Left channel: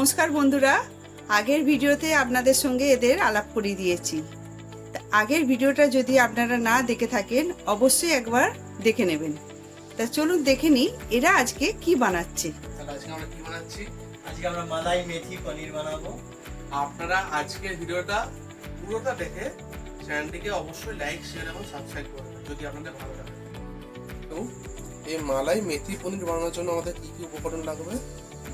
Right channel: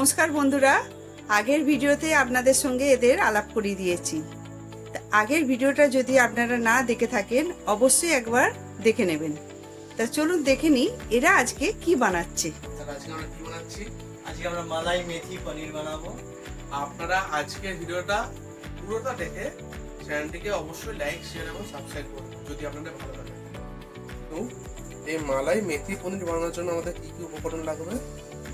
নমস্কার বন্ধুরা, আগের ভিডিওতে আপনাদের সঙ্গে এদের আলাপ করিয়ে দিয়েছি। আগের ভিডিওটা যদি আপনারা না দেখে থাকেন অবশ্যই একবার দেখে নেবেন। তা চলুন দেখে নিই এরা আজকে কি বানাচ্ছে। আজকে আমরা মালাই মেথি পনির বানাবো। আপনারা আজকের ভিডিওটা পুরোটা দেখে চ্যানেলটিকে অবশ্যই লাইক, শেয়ার এবং সাবস্ক্রাইব করবেন যদি আপনাদের ভালো লাগে। তো এই মালাই মেথি পনির বানানোর জন্য আমাদের কি কি উপকরণ লাগবে?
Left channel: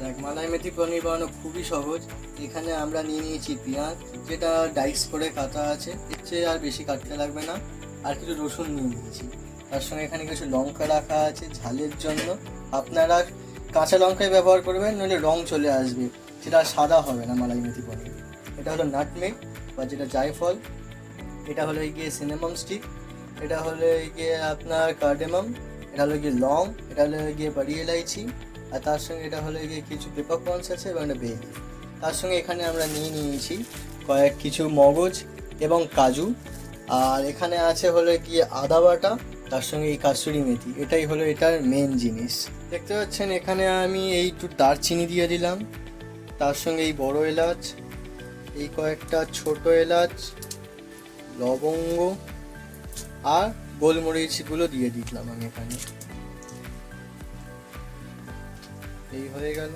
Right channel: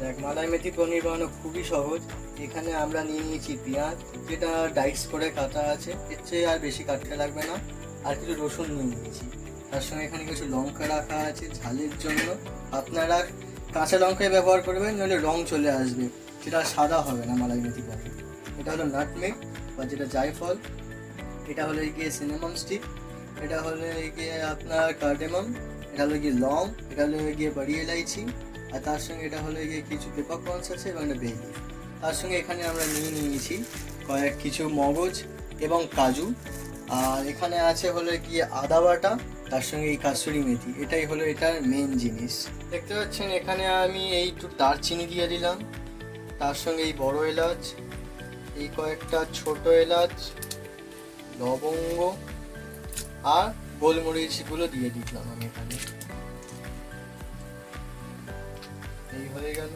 দেখ, মালাই মেথি পনির বানানো খুবই সহজ। এখানে আমরা নিয়ে নিয়েছি পেঁয়াজ, যেটা ডাইস করে কাটা আছে, এর চেয়ে আর বেশি কাটতে লাগবে না। আর কিছু রসুন নিয়ে নিয়েছি, তার সঙ্গে এখানে কিছু লঙ্কা রাখা আছে ঝালের জন্য। আপনারা কাঁচা লঙ্কাই ব্যবহার করবেন, নইলে রং চলে আসবে, সেটা সাদা হবে না মালাই মেথি পনির। এটা হলো নাটমেগ বা যেটা জায়ফল, এটা হলো গিয়ে সিনামন স্টিক, এটা হলো গিয়ে আপনার কার্ডেমাম, এটা হলো গিয়ে লং, এটা হলো গিয়ে বাড়ি এলাইচি, আর তার সঙ্গে এটা হলো গিয়ে কিছু পেপারকর্নস আছে এবং একটা বেল। তার সঙ্গে এখানে আমরা নিয়ে নিয়েছি কিছু মগজ এবং কাজু, আর এখানে আছে হলো গিয়ে আদা বাটা, তার সঙ্গে এই কাসুরি মেথি। এটাই হলো এটার মেন জিনিস। দেখতে পাচ্ছেন এখানে আমি এই একটু দারচিনি দিয়ে দিলাম, তার সঙ্গে এই বড় এলাচ, এই কয়েকটা ছোট এলাচ, লবঙ্গ আর গোলমরিচগুলো দিয়ে দিলাম আমি এখানে। এই হয়ে গেল।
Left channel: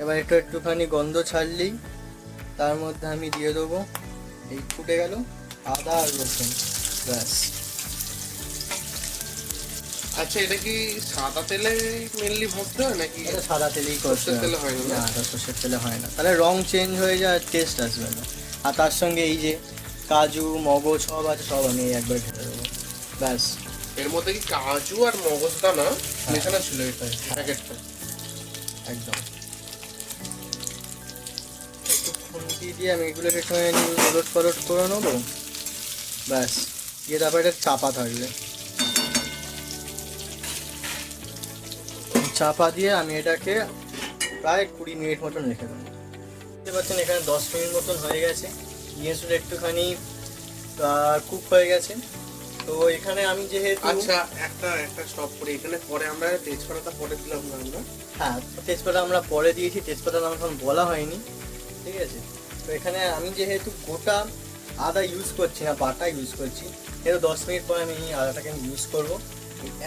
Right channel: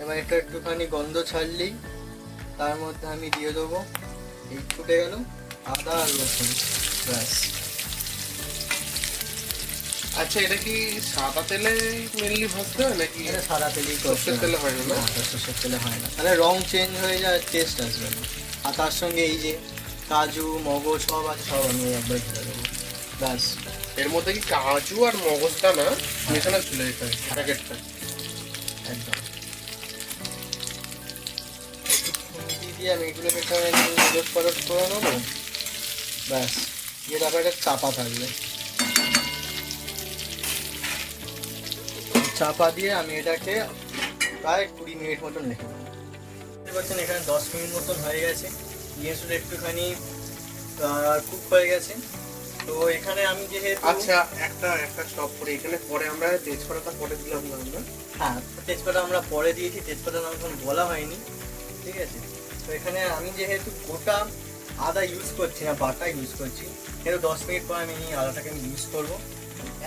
এবার এটা একটুখানি গন্ধ ছাড়লেই তার মধ্যে আমি দিয়ে দেবো, এই ফুটে গেল, আদা আর রসুন, ব্যাস। আচ্ছা, এটা কি সাদা তেলে মেনলি ভাজতে হয় নাকি এটা সাদা তেলেই সরষের তেলে হয় না? সরষের তেলে হয় না, তাহলে রং চেঞ্জ হয়ে যায়, টেস্ট আসবে না। আর তার সঙ্গে এই যে কাজু মগজ সব আছে, সব আমি একবার ঢেলে দেবো, ব্যাস। এর মধ্যে কি কাজু আর মগজদানা মেশানো ছিল এখানে প্যাকেটটা? একদম। একটু খুন্তি দিয়ে আমি এগুলোকে ওলট পালট করে নেবো, ব্যাস। দিয়ে তারপর এটা চাপা থাকবে, চাপা দিয়ে আমি এটাকে প্রায় 20 মিনিট মতন রেখে দেবো। দেখতে পাচ্ছেন এখানে 10 মিনিট মতন হয়ে গেছে, জিনিসগুলো একটুখানি কুক হয়ে গেছে। তো এখানে আমি যেহেতু আচ্ছা, একটা স্টপ করে এখানে পরে আমরা তেজপাতাটা পরে দিলাম না আমরা? হ্যাঁ, তেজপাতা আমরা পরে দিয়েছি, তেজপাতা আমার এখন বলা হয়নি, ঠিক আছে। তো এখানে আমি যেহেতু গোটা আদা ইউজ করছি না, বাটা ইউজ করছি, সেহেতু 10 মিনিট পরে আমি আদাটাকে আমি ইউজ করবো।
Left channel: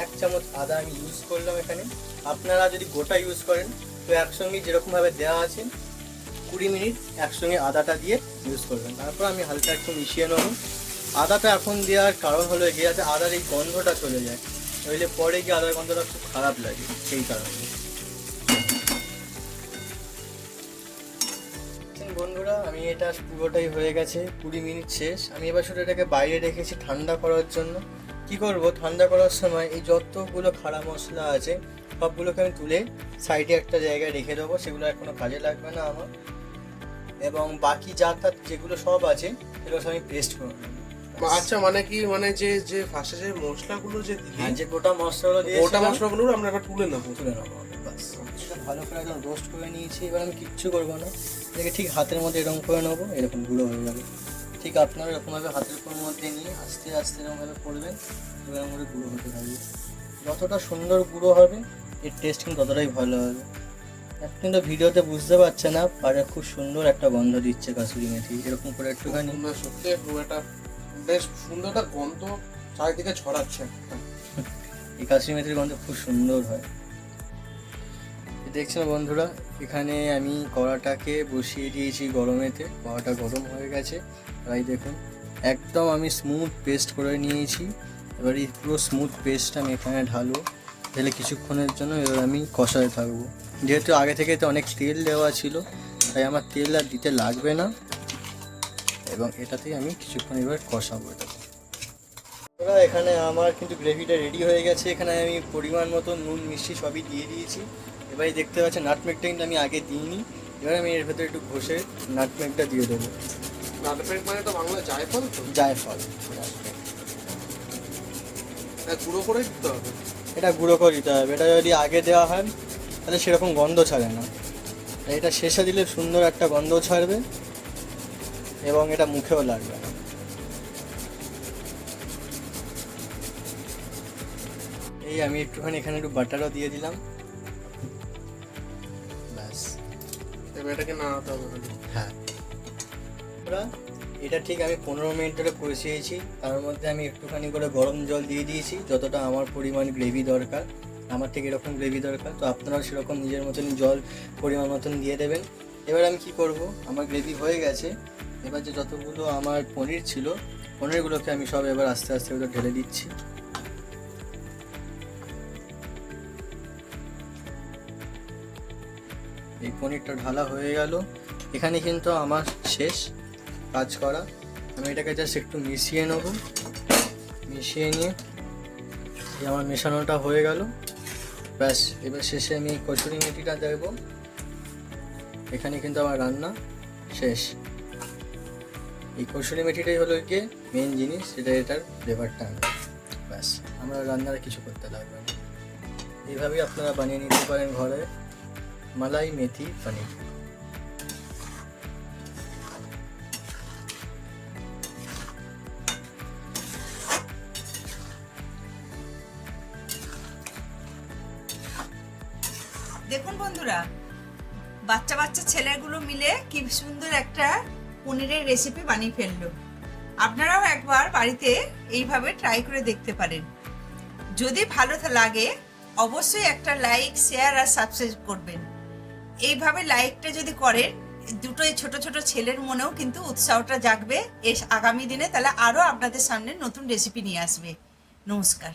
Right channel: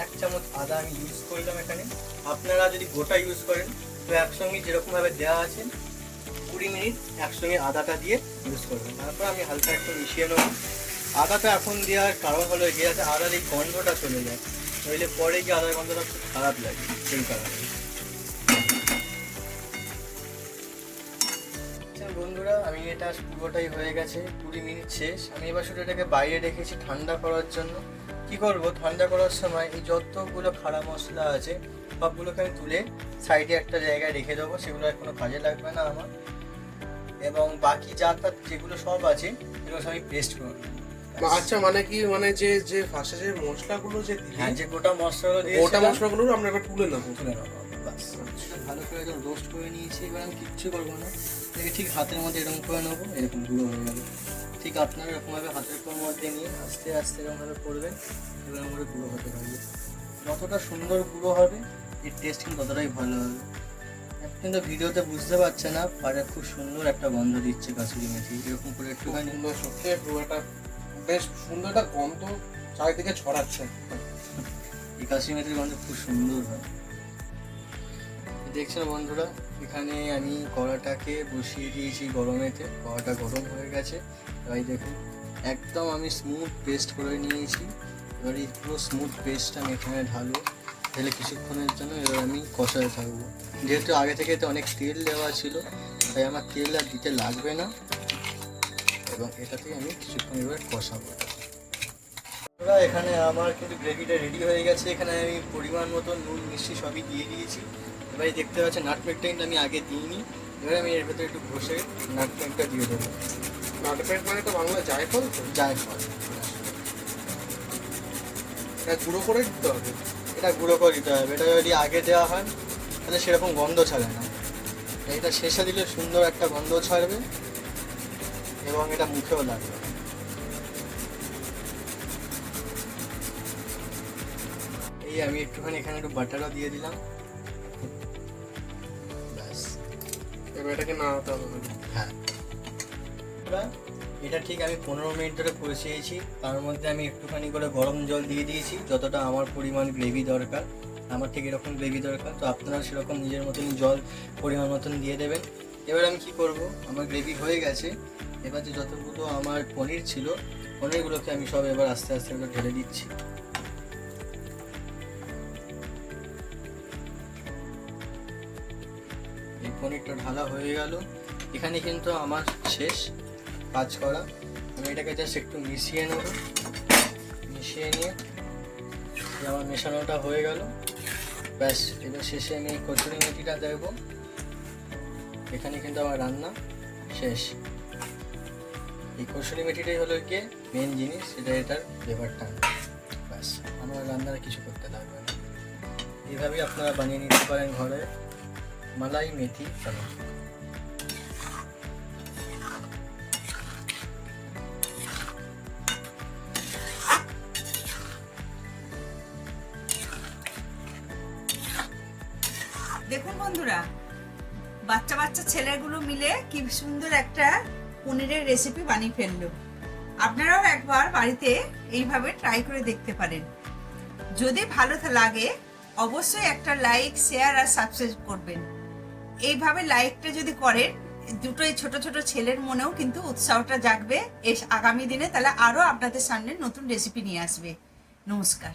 1 চামচ আদা আমি ইউজ করলাম এখানে। আপনারা যদি গোটা ইউজ করেন তো একসঙ্গে যেরকমভাবে দেওয়া আছে 20 মিনিট একসঙ্গে আদাটা দিয়ে ইউজ করবেন। তারপর আমি হালকা একটু মিশিয়ে নেবো। আদাটা এখন দেওয়ার কারণ হলো গিয়ে যাতে আদার এই গন্ধটা চলে যায়, নইলে পরে গিয়ে আদার গন্ধটা খুব খারাপ লাগে, সেই কারণে। বন্ধুরা, আমি এটা পুরোটাই হয়ে গেছে, 20 মিনিট শেষ। আমি এবার শুধু এটাকে বাইরে রেখেছি ঠান্ডা করার জন্য। কি করব, ঠান্ডা করার সময় এই যতগুলো খাড়া মশলা আছে সবগুলোকে আমি তুলে সাইডে একটা জায়গায় রেখে দেবো, সেগুলো আর কোনো কাজে লাগবে না আমার। এবং বাকি যেগুলো সব আছে সেগুলো সব আমি পেস্ট করে নেবো। আচ্ছা, মানে কি, মানে যে ফার্স্টে যে মশলাগুলো যে হ্যাঁ, যে গোটা মশলাগুলো দিয়ে গোটা মশলাগুলো আমরা এবার তুলে নেবো। ভালো করে একদম রোস্ট করে নিয়েছি। এবার আমি কিচ্ছু করবো না, এটাকে ঠিক হাতের মধ্যে এরকম করে নেবো, এরকম গুঁড়ো হয়ে যাবে। ঠিক আপনারা এরকমভাবে হাতের মধ্যে নিয়ে আস্তে আস্তে এরকমভাবে করবেন, এবার আমাদের গুঁড়ো হতে পারবে। যতটা সুন্দর গুঁড়ো হবে এর টেস্ট কিন্তু ততটাই ভালো হবে। আপনি তো ভিডিওতে বুঝতে পারছেন না, পারে খুব সুন্দর একটা গন্ধ দিচ্ছে কাসুরি মেথি। এরকম করে একটুখানি সত্যি একটা বেশ সুন্দর একটা গন্ধ চারিদিকে ছড়াচ্ছে। এই কাসুরি মেথির গন্ধ খুব সুন্দর হয়। দেখছেন বন্ধুরা, এখানে আমি কড়াটাকে বসিয়ে দিয়েছি গরমেতে, কড়াটা গরম হয়ে গেছে। তাই দেখুন একদম আমি স্মুথ পেস্ট করে নিয়েছি। এবার এই পুরো স্মুথ পেস্টটা আমি এখানে ঢালবো, ঢেলে কিছুক্ষণের জন্য এবার আমি কষাতে থাকবো। যেহেতু আগে থেকে তো অনেক তেল দেওয়া ছিল, তাই আমার তেল আর দিতে লাগবে না, এবং এটাতেই আমি কিছুক্ষণ এবার কষাবো। এখানে আমার কিন্তু গ্রেভিটা রেডি হয়ে গেছে। এখানে আমি পরিমাণ মতো নুন মিষ্টি সবই দিয়ে দিয়েছি। এবারে দেখতে পাচ্ছেন নাটমেগটা কিন্তু আমি আগে দিইনি, এবার আমি এর ভেতরে একটু ঘষে নাটমেগটা দিয়ে দেবো। নাটমেগ মানে তো বাংলা জায়ফল, তো জায়ফল গুঁড়ো করে দিতে হবে। এটা গুঁড়ো করে দিতে হবে। এটা যদি আগে দেওয়া হয় তাহলে সেরকম গন্ধ ছাড়ে না, এটা শেষে দিলে সুন্দর একটা গন্ধ ছাড়বে এবং এটা মুখেও লাগবে। এই আমি একটুখানি এখানে একটু বাটারও দিয়ে দিলাম, ব্যাস। এটাকে নাড়াতে হবে খালি। হ্যাঁ, এটা ঠিক আমি 15 মিনিট ধরে কষিয়েছি। তার মধ্যে আমি একটুখানি করে গরম জল দিয়ে দিয়েছি, যতটা আমার পরিমাণ গ্রেভি দরকার। আমার ঠিক এরকম গ্রেভি দরকার, তো আপনারা সেরকম নিজের মতন জল পরিমাণ মতন দিয়ে দেবেন। এবার আমি কি করব, আমার গ্রেভি হয়ে গেছে। এবার যে যতগুলো আমার পনির ছিল, পনিরগুলোকে আমি সব এবার আস্তে আস্তে করে ঢেলে দিচ্ছি। এই পনিরটা ঢালা হয়ে গেল। এখানে কিন্তু আমার শেষ কাজ করা। আমি এটাকে জাস্ট একটু মিশিয়ে নেব। মিশিয়ে নিয়ে আমার মেশানোটা হয়ে গেল, ব্যাস। এবার শেষে আমি কসুরি মেথিটা দেব। এখানে কিন্তু আমার রান্না শেষ। এই কসুরি মেথিটাই হলো গিয়ে মেন জিনিস, এটার ফ্লেভারটা আনবে। ব্যাস, আমরা রান্নার কিছু করতে লাগবে না। এইভাবেই আপনারা বানিয়ে নিতে পারেন ঘরে মালাই মেথি পনির। দেখুন বন্ধুরা, বাচ্চা বাচ্চা ছেলেগুলো মিলে কি সুন্দর একটা পনিরের রেসিপি বানিয়ে ফেললো। আপনারাও একবার বাড়িতে এইভাবে ট্রাই করে দেখতে পারেন। যদি ভালো লাগে অবশ্যই একটা লাইক, শেয়ার আর সাবস্ক্রাইব করবেন। এইভাবে লাইকটা যদি করেন, দুটোই ছোট ছোট ছেলের মনেও কিন্তু উৎসাহটা জাগবে আগামী দিনে, তাহলে আরো আপনাদের সামনে নতুন রেসিপি নিয়ে আসবে। নমস্কার।